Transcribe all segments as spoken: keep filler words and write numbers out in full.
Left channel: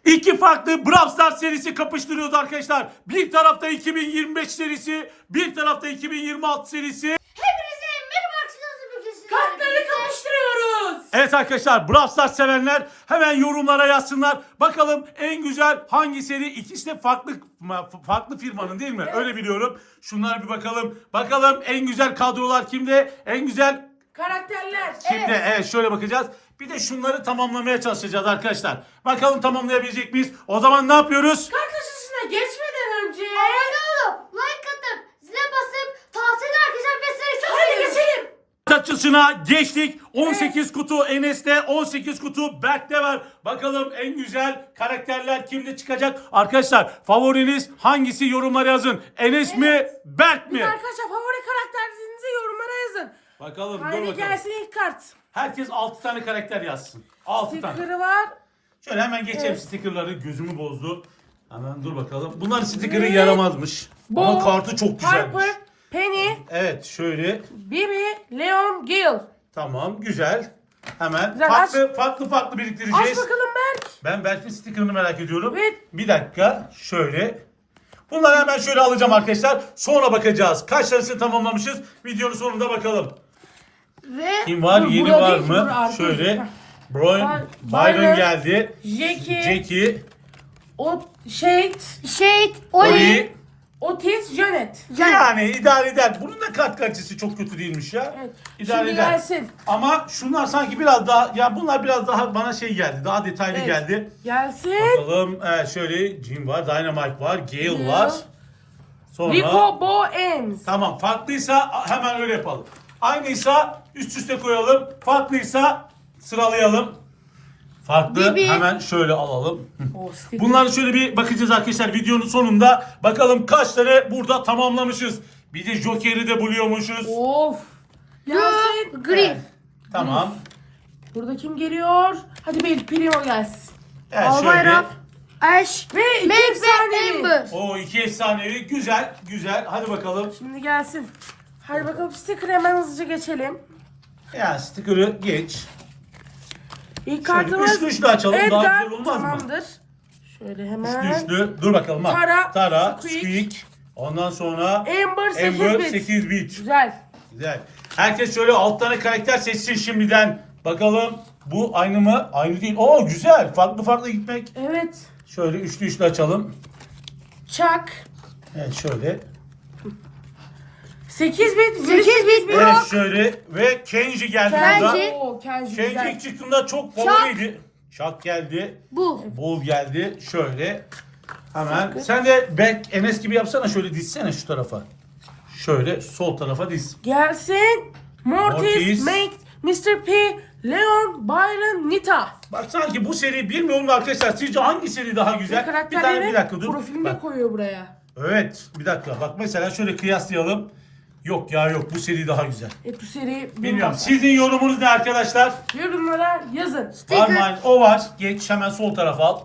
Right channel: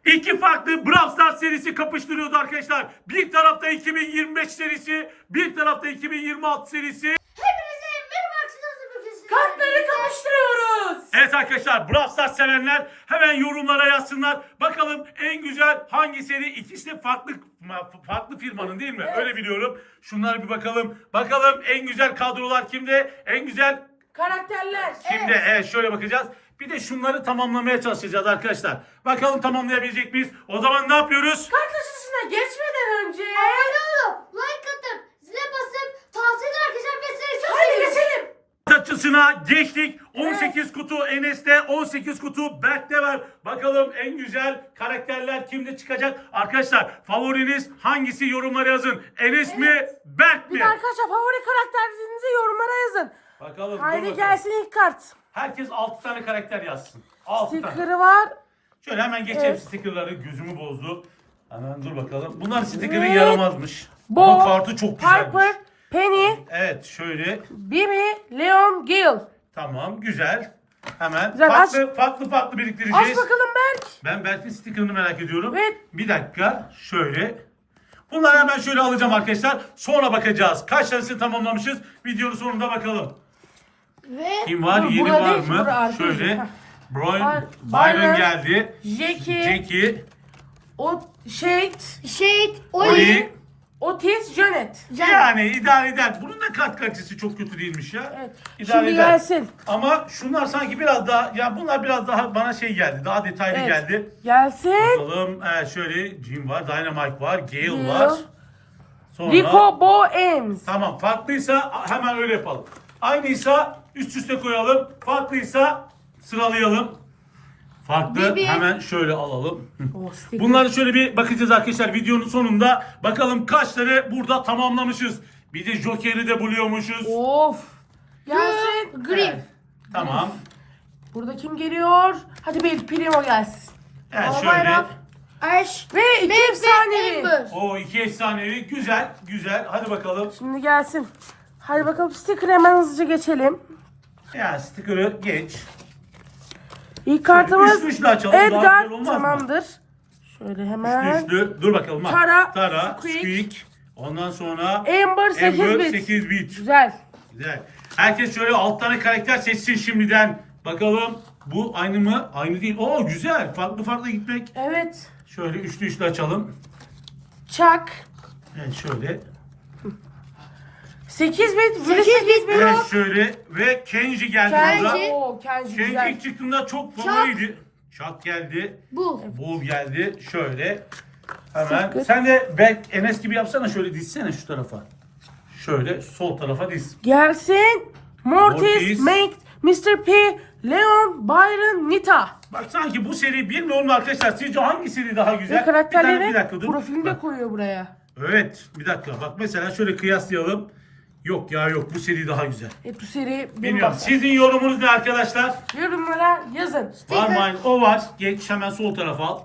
İki farklı Brawl Stars serisi kapıştırıyoruz arkadaşlar. Bir tarafta iki bin yirmi beş serisi, bir tarafta iki bin yirmi altı serisi. Hepinize merhaba arkadaşlar. Kartları kapıştırıyoruz. Evet arkadaşlar, Brawl Stars sevenler hemen yorumlara yazsınlar. Bakalım en güzel hangi seri? İkisi de farklı farklı firmanın değil mi? Evet. Öyle biliyorum. Şunlara bir bakalım. Bakalım en güzel kadrolar kimde? En güzel Karakterler. kimde? Evet, evet şöyle bakacağız. Bir de şunları tamamlamaya çalışacağız arkadaşlar. Bakalım tamamlayabilecek miyiz? O zaman ne yapıyoruz? Kart açılışına geçmeden önce. Abone olup like atıp zile basıp tavsiye arkadaşlar ve size çok Hadi seviyorum. geçelim. Açısına geçtik. on sekiz kutu Enes'te, on sekiz kutu Berk'te var. Bakalım en güzel karakterler kimde çıkacak? Arkadaşlar favoriniz hangisi, yorumlara yazın. Enes mi, Berk mi? Arkadaşlar favori karakterlerinizi yorumlara yazın. Bakalım. dur Haydi bakalım. gelsin ilk kart. Herkes altı tane karakter yazsın. altı tane. Sticker'ı var. Şöyle hemen geçelim stickerları. Gözümü bozdu. Hemen dur bakalım. Bunlar sticker'ı Ve yaramazmış. Bo, Ama kartı çok güzelmiş. Piper, Penny, Evet şöyle. Bibi, Leon, Gil. Tamam güzel. Hemen Güzel, farklı farklı farklı biriktireceğiz. Aç bakalım Berk. Ben Berk'in sticker'ını merak ediyorum. Evet. Bir dakika şöyle. Bunları hemen şöyle alacağım arkadaşlar. Sonra bakacağız. Kaç tanesini tamamlamışız? Videonun sonunda bakalım. Ve Kim var? Bu Yeni burada var değil, mı? burada arkadaşlar. Şöyle. Brian, Var. Byron Byron, geldi. Jackie, Jackie. O Shade, Shade, Oli, Oli. Otis, Janet. Yani idare eder. Bunun da kat kalitesi çok kötü değilmiş ya. Evet. İdare Şimdi eder. gelsin. Ama şunlar sanki biraz daha, ya bunlar biraz daha bana şey geldi. Daha detaylı Evet. geldi. Gelsin. Bakalım. Ee, şöyle Jim var, Dynamite var, Gale Gale. var. Sonra Rico Boems. tamam, farklıysa hemen öyle yapalım. Aynıysa üst üste koyalım. Farklıysa sıralayalım. Farklı Bibi. hemen şöyle alalım. O sticker. Bunları şöyle bir bakacağız arkadaşlar videonun sonunda. Bakalım kaç tane burada tamamlamışız. Bir de Joker'i de buluyormuşuz. Of. Gelsin. Griff, Tamam. Burada kim geliyor? Hadi bir Primo gelsin. Evet Albayrak, şöyle. Ash, Ve iki Meg ve efsanevi. Amber. O iki efsanevi. Güzel. Güzel. Hadi bakalım. Şimdi gelsin. Hadi bakalım sticker hemen hızlıca geçelim. Ya sticker'ı geç. İlk Şöyle kartımız üçlü üçlü açalım, daha Edgar, güzel olmaz mı? tamamdır. Şöyle hemen. Üçlü üçlü. Dur bakalım bak. Tara, Tara, Squeak. Squeak. Ondan sonra Amber sekiz Amber bit. sekiz bit. Güzel. Güzel. Herkes şöyle alt tane karakter seçsin şimdiden. Bakalım bu aynı mı? Aynı değil. Oo güzel. Farklı farklı gitmek. Evet. Şöyle üçlü üçlü açalım. Chuck. Evet şöyle. sekiz bit. sekiz bit. Evet şöyle ve Kenji geldi burada. Kenji. Oo, Kenji Kenji güzel. ilk çıktığında çok favoriydi. Chuck geldi. Bu. Bull geldi. Şöyle. Hemen. Sen de Berk Enes gibi yapsana, şöyle dizsene şu tarafa. Şöyle sol tarafa diz. Gelsin. Mortis, Mortis. Mate, mister P, Leon, Byron, Nita. Bak sanki bu seri bilmiyorum da arkadaşlar, sizce hangi seri daha güzel? Ve Bir tane karakterleri bir dakika dur. profilinde Bak. koyuyor buraya. Evet bir dakika bak mesela şöyle kıyaslayalım. Yok ya yok, bu seri daha güzel. E bu seri Bilmiyorum. Sizin yorumunuz ne arkadaşlar? yorumlara yazın. Var mı? O var. Geç hemen sol tarafa al.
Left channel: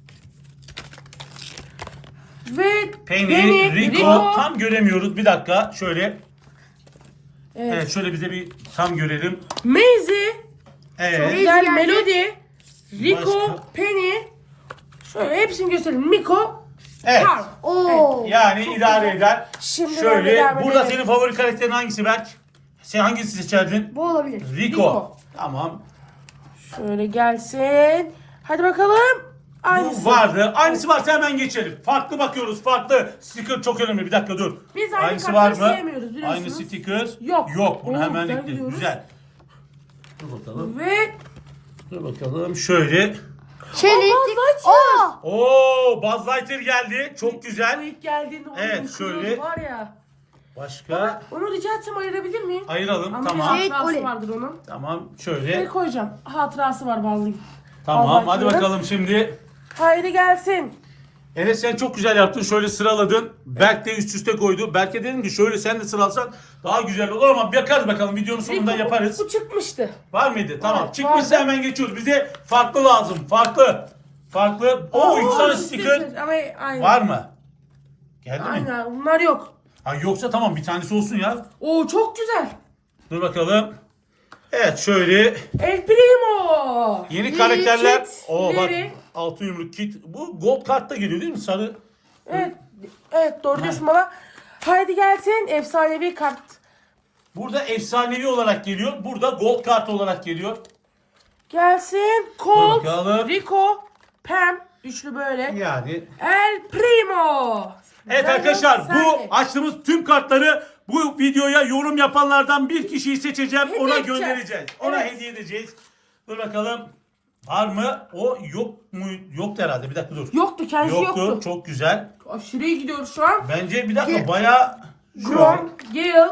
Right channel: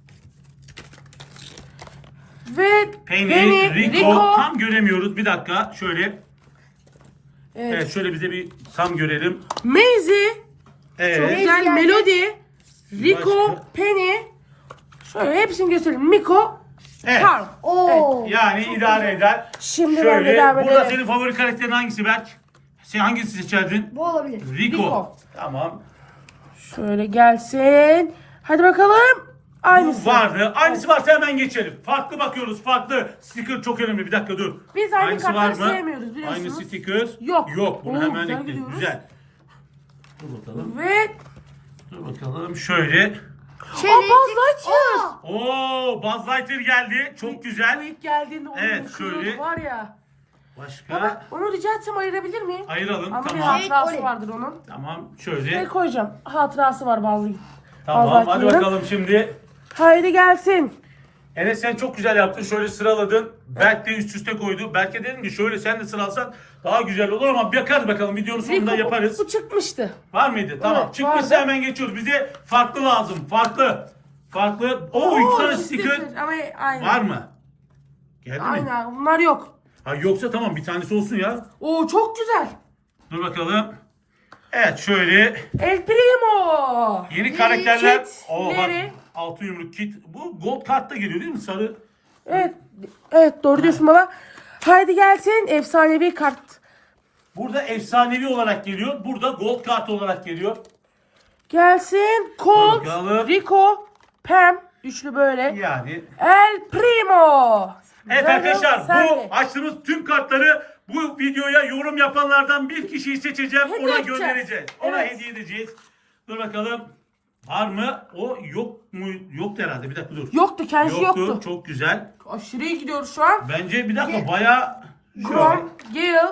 Ve Penny, Rico. Tam göremiyoruz. Bir dakika. Şöyle. Evet. Evet şöyle bize bir tam görelim. Maisie, Evet. Güzel geldi. Melody, Rico, Başka? Penny. Şöyle hepsini gösterelim. Miko, Evet. Carl. Oo. Yani idare eder. Şimdi Şöyle. devam Burada edelim. senin favori karakterin hangisi Berk? Sen hangisi seçerdin? Bu olabilir. Rico. Rico. Tamam. Şöyle gelsin. Hadi bakalım. Aynısı. Bu vardı. Aynısı varsa hemen geçelim. Farklı bakıyoruz. Farklı. Sticker çok önemli. Bir dakika dur. Biz aynı Aynısı var kartları mı? sevmiyoruz, biliyorsunuz. Aynı sticker. Yok. Yok. Bunu Oo, hemen güzel ekledim. gidiyoruz. Güzel. Dur bakalım. Ve Dur bakalım. Şöyle. Çelik. Buzz Lightyear. Oo. Oo, Buzz Lightyear geldi. Çok Bu güzel. ilk geldiğinde Evet, onun şöyle. kılığı var ya. Başka. Onu rica etsem ayırabilir miyim? Ayıralım. Ama Tamam. bir hatırası Oraya. vardır onun. Tamam. Şöyle Şöyle. koyacağım. Hatırası var bazı. Tamam. Buzz Hadi Lightyear'ın. bakalım şimdi. Haydi gelsin. Enes sen çok güzel yaptın. Şöyle sıraladın. Berk de üst üste koydu. Berk'e dedim ki şöyle sen de sıralasan daha güzel olur ama bakarız bakalım. Videonun sonunda Rico, yaparız. Bu çıkmıştı. Var mıydı? Tamam. Evet, Çıkmışsa vardı. hemen geçiyoruz. Bize farklı lazım. Farklı. Farklı. Oo, iki tane sticker. Ama aynı. Var mı? Geldi mi? Aynen. Bunlar yok. Ha, yoksa tamam, bir tanesi olsun ya. Oo çok güzel. Dur bakalım. Evet şöyle El Primo. yeni karakterler. Kit, Oo bak. Larry. altın yumruk kit. Bu gold kartta geliyor değil mi? Sarı. Evet. Evet doğru diyorsun baba. Haydi gelsin efsanevi kart. Burada efsanevi olarak geliyor. Burada gold kart olarak geliyor. Gelsin. Dur Colt, bakalım. Rico, Pam. Üçlü böyle. Yani. El Primo. Evet Böyle arkadaşlar, bu sende. açtığımız tüm kartları bu videoya yorum yapanlardan bir kişiyi seçeceğim. Hediye Ona edeceğiz. göndereceğiz. Ona Evet. hediye edeceğiz. Dur bakalım. Var mı? O yok mu? Yoktu herhalde. Bir dakika dur. Yoktu kendisi Yoktu. yoktu. Çok güzel. Aşırı iyi gidiyoruz şu an. Bence bir dakika Ye- bayağı şöyle. Grom, Gale,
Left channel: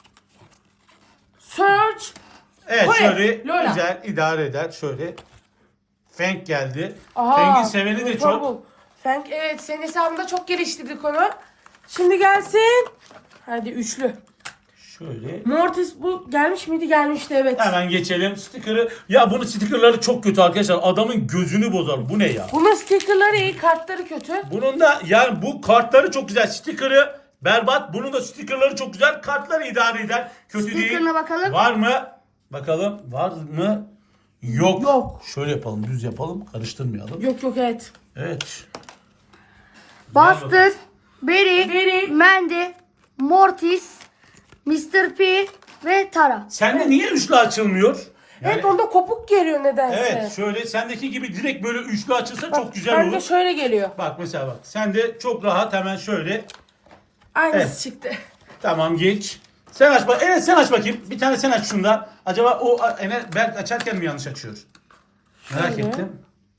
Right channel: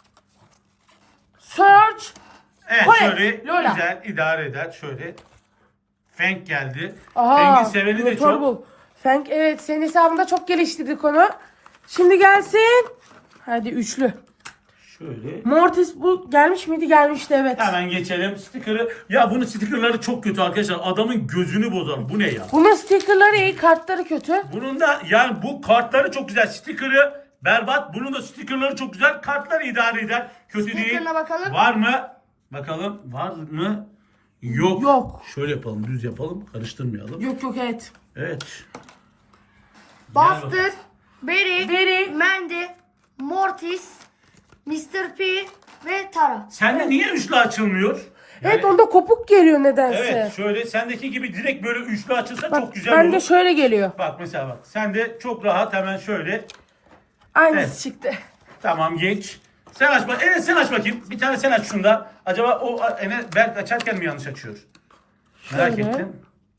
Surge. Evet Koy. şöyle Lola. güzel idare eder. Şöyle. Fenk geldi. Aa, Fenk'in seveni de çok. Trouble. Fenk evet senin hesabında çok gelişti bir konu. Şimdi gelsin. Hadi üçlü. Şöyle. Mortis bu gelmiş miydi? Gelmişti evet. Hemen geçelim. Sticker'ı. Ya bunun stickerları çok kötü arkadaşlar. Adamın gözünü bozar. Bu ne ya? Bunun stickerları iyi, kartları kötü. Bunun da yani bu kartları çok güzel. Sticker'ı berbat. Bunun da sticker'ları çok güzel. Kartları idare eder. Kötü değil. Sticker'ına bakalım. Var mı? Bakalım. Var mı? Yok. Yok. Şöyle yapalım. Düz yapalım. Karıştırmayalım. Yok yok evet. Evet. Buster, Barry, Barry. Mandy, Mortis, mister P ve Tara. Sende niye üçlü açılmıyor? Yani- Evet onda kopuk geliyor nedense. Evet şöyle sendeki gibi direkt böyle üçlü açılsa çok güzel Bende olur. şöyle geliyor. Bak mesela bak. Sen de çok rahat hemen şöyle. Aynısı Evet. çıktı. Tamam geç. Sen aç bak. Evet sen aç bakayım. Bir tane sen aç şunda. Acaba o Enes Berk açarken mi yanlış açıyor? Merak Şöyle. ettim.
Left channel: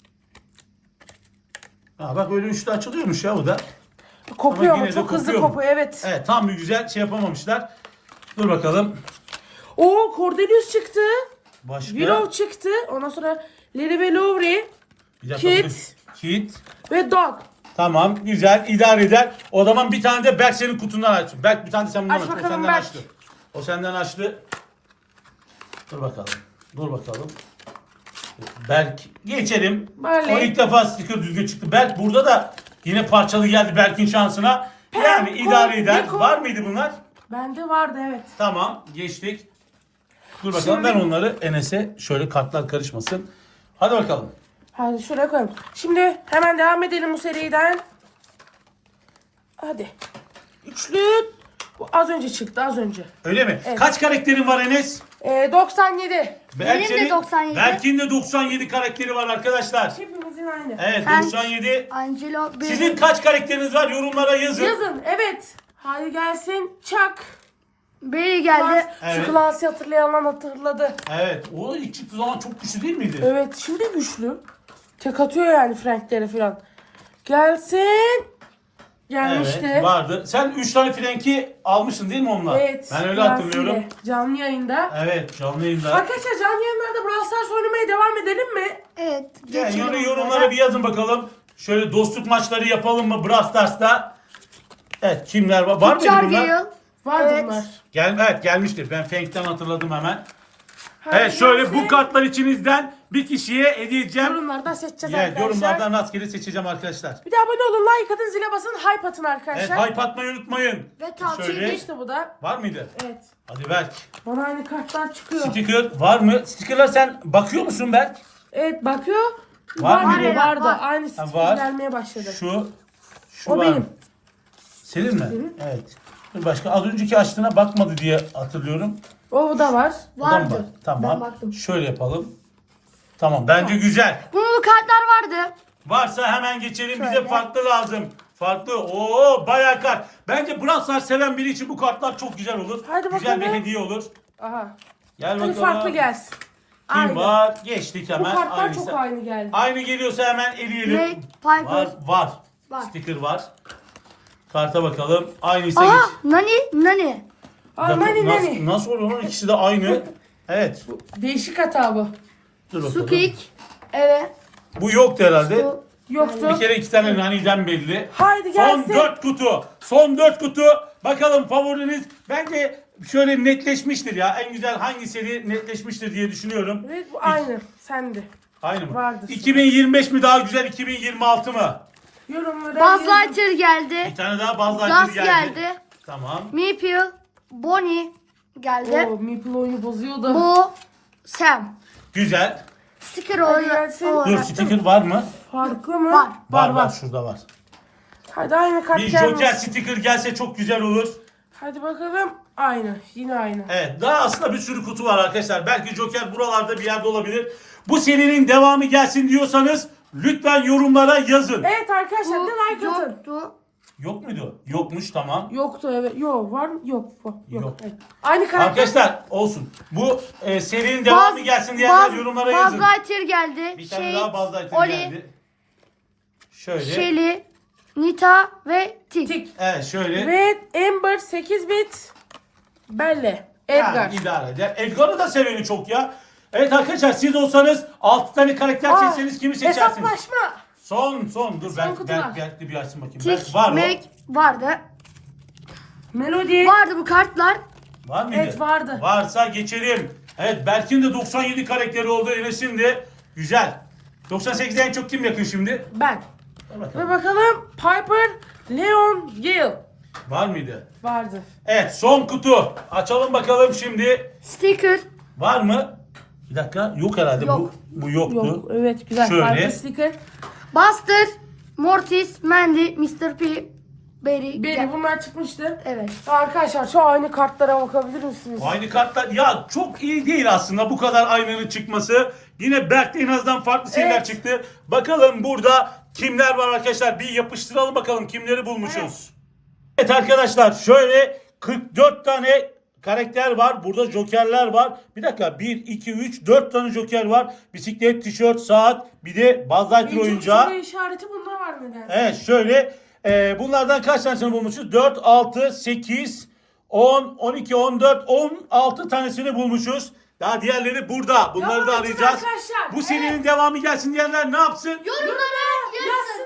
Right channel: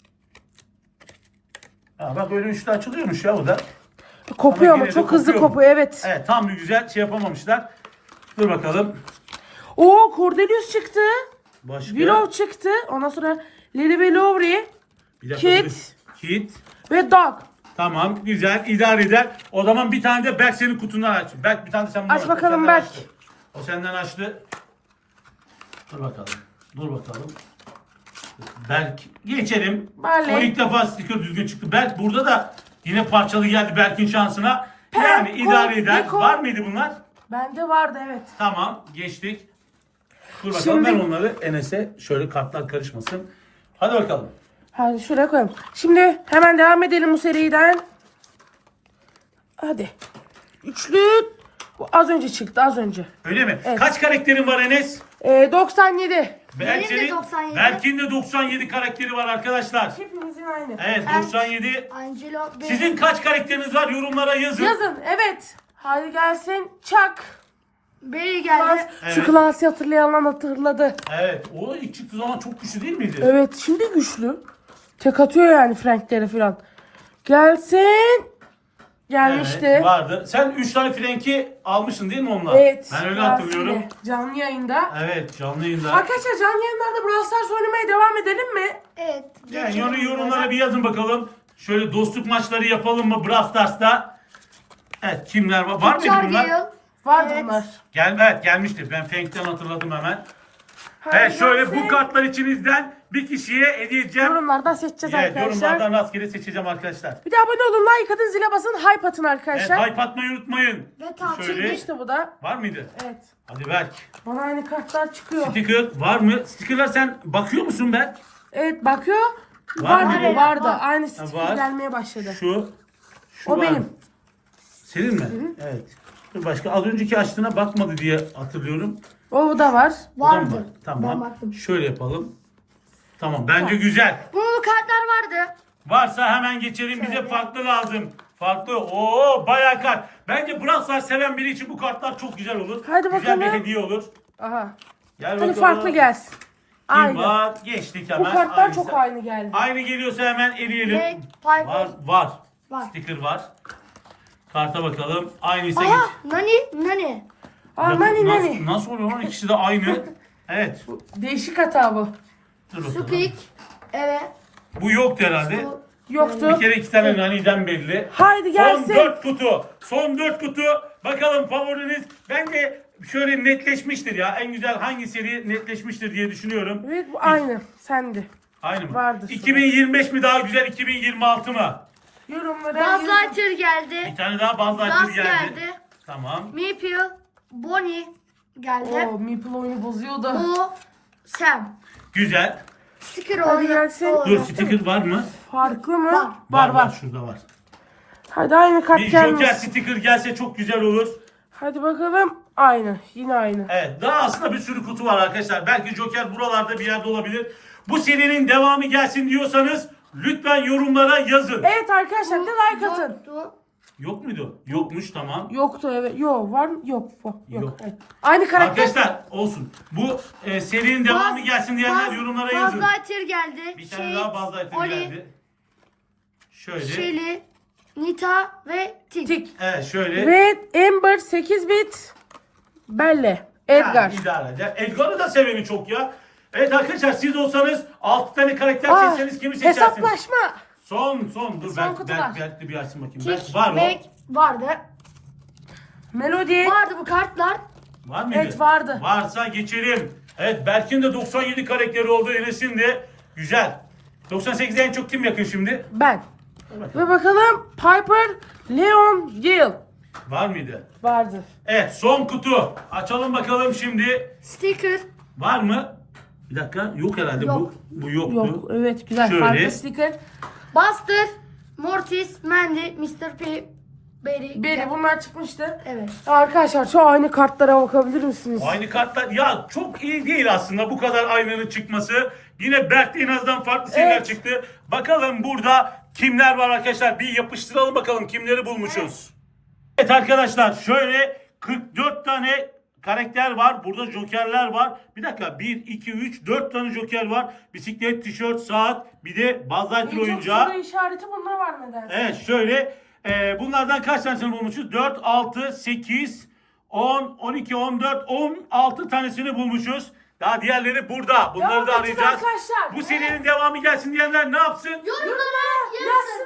Ha, bak böyle üçlü açılıyormuş ya o da. Kopuyor ama, yine de çok hızlı kopuyor mu? kopuyor evet. Evet tam bir güzel şey yapamamışlar. Dur bakalım. Oo Cordelius çıktı. Başka. Willow çıktı. Ondan sonra Lily ve Lowry Bir dakika, Kit. dur. Kit. ve Dog. Tamam güzel idare eder. O zaman bir tane de Berk senin kutundan aç. Berk bir tane de sen bundan Aç aç. O bakalım senden Berk. açtı. O senden açtı. Dur bakalım. Dur bakalım. Berk geçelim. Barley. O ilk defa sticker düzgün çıktı. Berk burada da yine parçalı geldi Berk'in şansına. Yani Pem, idare eder. Rico. Var mıydı bunlar? Bende vardı evet. Tamam geçtik. Dur bakalım Şimdi- ben onları Enes'e şöyle kartlar karışmasın. Hadi bakalım. Hadi şuraya koyalım. Şimdi hemen devam edelim bu seriden. Hadi. Üçlü. Bu az önce çıktı az önce. Öyle mi? Kaç karakterin var Enes? Ee, doksan yedi. Berk Benim de senin- doksan yedi. Berk'in de doksan yedi karakteri var arkadaşlar. Hepimizin aynı. Evet Ben- doksan yedi. Angelo, Barry. Sizin kaç karakteriniz var yorumlara yazın. Yazın evet. Hadi gelsin. Çak. Barry geldi. Evet. Şu Clans'ı hatırlayan hatırladı. Evet o ilk çıktığı zaman çok güçlü değil miydi? Evet şimdi güçlü. Tek atıyor yani Frank'leri falan. Gelsin. Gelmişti. Evet vardı. Sen üç tane frenki almışsın değil mi onunla? Evet, Ben öyle Clans'ı hatırlıyorum. ile. Canlı yayında. Evet canlı yayında. Arkadaşlar canlı yayınlarda Brawl Stars oynamaya devam edelim mi? Evet. Yani geçelim. yor- yorumlara bir yazın bakalım. Şöyle dostluk maçları yapalım mı Brawl Stars'ta? Evet kimler var? Var mıydı bunlar? Jarville. Vardı Evet. bunlar. Gel, evet gelmiştir. Ben Frank'ten hatırladım hemen. Hadi Evet şöyle gelsin. bu kartlar içinizden bir kişiye hediye edeceğim. Yorumlardan seçeceğiz Evet, arkadaşlar. yorumlardan rastgele seçeceğim arkadaşlar. Bir de abone olun, like atın, zile basın, hype atın Evet arkadaşlar. hype atmayı unutmayın. Ve tavsiye Şöyle. İşte bu da. Var mıydı? Evet. Hadi Berk. Bana aynı kartlar çıkıyor. Sticker var mı? Stickerlar sen bakıyor musun Berk? Evet bakıyor. Var Var mı? mıydı? Var. Vardı. Aynı sticker var. gelmeye başladı. Şu. Şu O var benim. mı? Senin mi? Evet. Dur başka az önceki açtığına bakmadı diye hatırlıyorum. O da var. Bu da mı Vardı. var? Ben Tamam. baktım. Şöyle yapalım. Tamam bence güzel. Bunun kartlar vardı. Varsa hemen geçelim. Bize farklı lazım. Farklı. Oo bayağı kart. Bence Brawl Stars seven biri için bu kartlar çok güzel olur. Hadi güzel bir bakalım. hediye olur. Aha. Gel Hadi bakalım. farklı gelsin. Kim Aynı. var? Geçtik Bu hemen. kartlar Aynısı. çok aynı geldi. Aynı geliyorsa hemen eleyelim. Ve Piper. Var, var. Var. Sticker var. Karta bakalım. Aynıysa geç. Aa, Nani, Nani. Bir Aa, dakika, nani nasıl, nani. nasıl oluyor lan? İkisi de aynı. Evet. Değişik hata bu. Dur bakalım. Squeak. Evet. Bu yoktu herhalde. Bu- Yoktu. Bir kere iki tane naniden belli. Haydi Son gelsin. dört kutu. Son dört kutu. Bakalım favoriniz. Bence şöyle netleşmiştir ya. En güzel hangi seri netleşmiştir diye düşünüyorum. Evet bu aynı. Sende. Aynı mı? Vardır. iki bin yirmi beş mi daha güzel, iki bin yirmi altı mı? Yorumlara Buzz yazın. Lightyear geldi. Bir tane daha Buzz Lightyear Gus geldi. geldi. Tamam. Meeple. Bonnie geldi. Oo, Meeple oyunu bozuyordu. Bu Sam. Güzel. Sticker Hadi olan. gelsin. Dur, sticker var mı? Farklı mı? Var. Var var, şurada var. Hadi aynı kart Bir gelmesin. Joker sticker gelse çok güzel olur. Hadi bakalım. Aynı. Yine aynı. Evet, daha aslında bir sürü kutu var arkadaşlar. Belki Joker buralarda bir yerde olabilir. Bu serinin devamı gelsin diyorsanız lütfen yorumlara yazın. Evet arkadaşlar Bu bir like atın. yoktu. Yok muydu? Yokmuş, tamam. Yoktu evet. Yok var mı? Yok. Yok. Yok. Yok. Evet. Aynı karakter. Arkadaşlar olsun. Bu e, serinin devamı Buzz- gelsin diyenler Buzz- yorumlara yazın. Buzz Lightyear geldi. Bir tane Shade, daha Buzz Lightyear Oli, geldi. Şöyle. Shelly, Nita ve Tik. Tik. Evet, şöyle. Ve Amber sekiz bit. Belle. Edgar. Yani idare eder. Edgar'ı da seveni çok ya. Evet arkadaşlar, siz olsanız altı tane karakter Ah, seçseniz kimi seçersiniz? Hesaplaşma. Son son dur, Son belki kutular. belki belki bir açsın bakayım. Tik, Belki var mı? Mac vardı. Melody. Vardı bu kartlar. Var mıydı? Evet, vardı. Varsa geçelim. Evet, Berk'in de doksan yedi karakteri oldu. Enes'in de güzel. doksan sekizde en çok kim yakın şimdi? Ben. Dur Ve bakalım. bakalım Piper, Leon, Gale. Var mıydı? Vardı. Evet, son kutu. Açalım bakalım şimdi. Sticker. Var mı? Bir dakika, yok herhalde Yok. bu. Bu yoktu. Yok. Evet güzel. Şöyle. Farklı sticker. Buster, Mortis, Mandy, mister P, Barry. Beri bunlar çıkmıştı. Evet. Arkadaşlar şu aynı kartlara bakabilir misiniz? Aynı kartlar ya çok iyi değil aslında bu kadar aynının çıkması. Yine Berk'te en azından farklı seriler Evet. çıktı. Bakalım burada kimler var arkadaşlar, bir yapıştıralım bakalım kimleri bulmuşuz. Evet arkadaşlar, şöyle kırk dört tane karakter var. Burada jokerler var. Bir dakika, bir, iki, üç, dört tane joker var. Bisiklet, tişört, saat, bir de Buzz Lightyear En çok oyuncağı. soru işareti bunda var nedense. Evet şöyle e, bunlardan kaç tanesini bulmuşuz? dört, altı, sekiz, on, on iki, on dört, on altı tanesini bulmuşuz. Daha diğerleri burada. Bunları Devam da edeceğiz arayacağız. arkadaşlar. Bu serinin devamı gelsin diyenler ne yapsın? Yorumlara yazsın.